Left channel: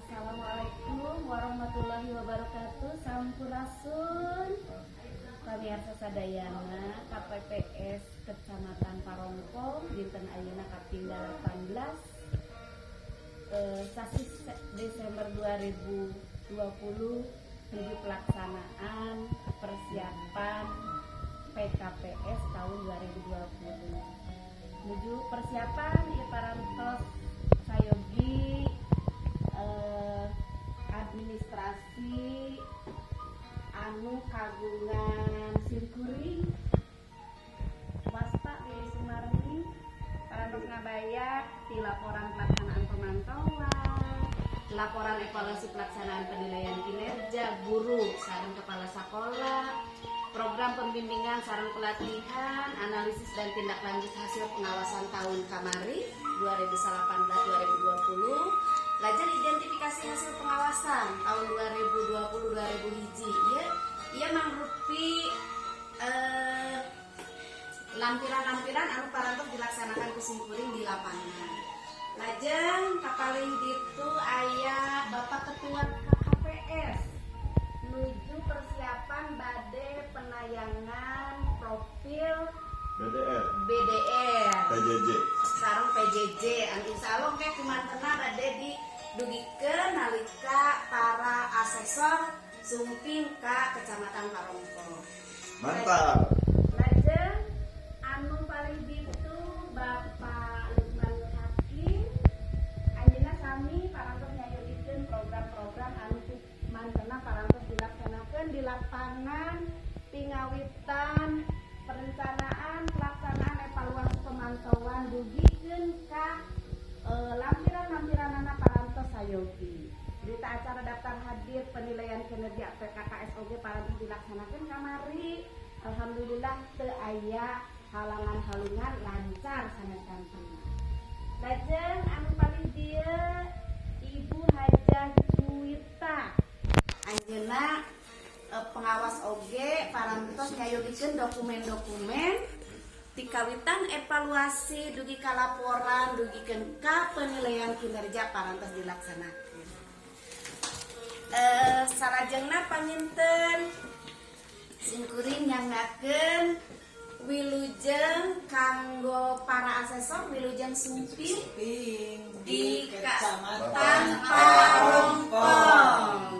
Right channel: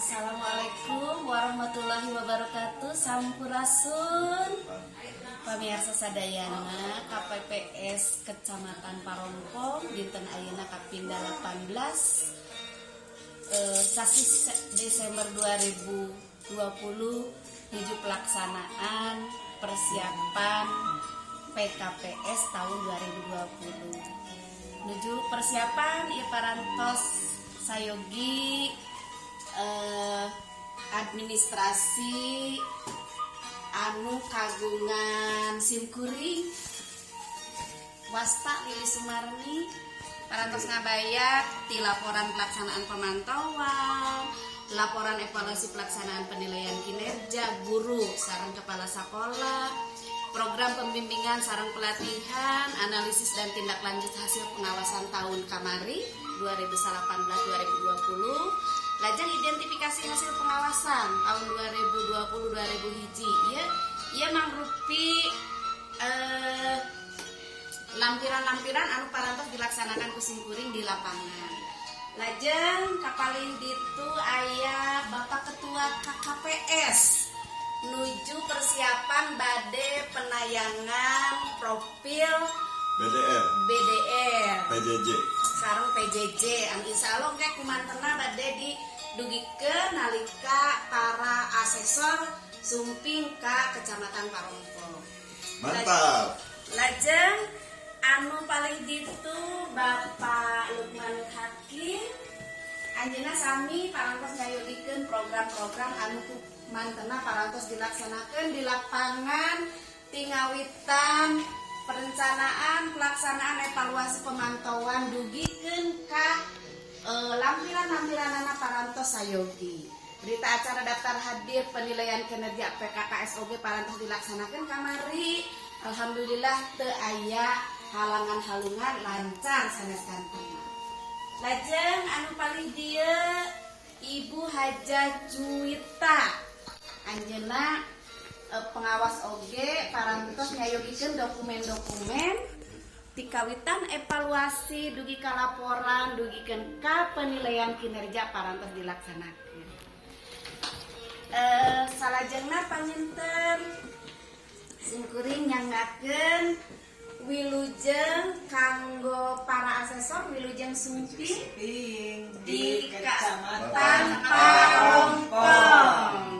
Assalamualaikum warahmatullahi wabarakatuh. Sampurasun pamirsa sadayana KPPS Kecamatan Parongpong dinten ayeuna kaping 18 sasi Desember 2020 menuju pelaksanaan persiapan PKPS tahun 2020 menuju persiapan ieu parantos sayogi administrasi anu kagungan simkuring wasta Lili Sumarni parantos ngabayat ti laporan pelaksanaan pemantauan, laporan evaluasi pelaksanaan penilaian kinerja guru sareng kepala sekolah, program pembimbingan sareng pelatihan, analisis dan tindak lanjut hasil pengawasan tahun kamari 2018-2020. Lajeng identifikasi hasil pengawasan tahun 2020-2000 hiji. Ieu mangrupi lampiran-lampiran anu parantos dilaksanakan ku simkuring di lapangan. Lajeng kapalin ditu aya Bapak Ketua KKPS nuju persiapan bade penayangan profil BDR PJJ sareng PJJ anu insyaallah engke kumantena bade didugikeun nalika para asesor sumping ka Kecamatan Parongpong. mantap. Lajeng anu paling ditu Bapak Lukman Hakim anjeunna sami parantos ngayogikeun program-program anu mantena parantos dilaksanakeun di lapangan tingawitan perencanaan pelaksanaan evaluasi pemantauan dugikeun ka lampiran-lampiranana parantos sayogi. Berita acara daftar hadir penilaian kinerja PKKSOG parantos dilaksanakeun kamari. Alhamdulillah teu aya halangan-halungan lancar sanes gantengna. Lajeng anu paling dieu Ibu Hajah Juwita anjeunna pengawas oge parantos ngayogikeun dokumen-dokumen pikawitan evaluasi dugi ka laporan dugikeun ka penilaian kinerja parantos dilaksanakeun. Salajengna paminten simkuring nyangakeun wilujeng kanggo para asesor wilujeng sumping di Kecamatan Parongpong.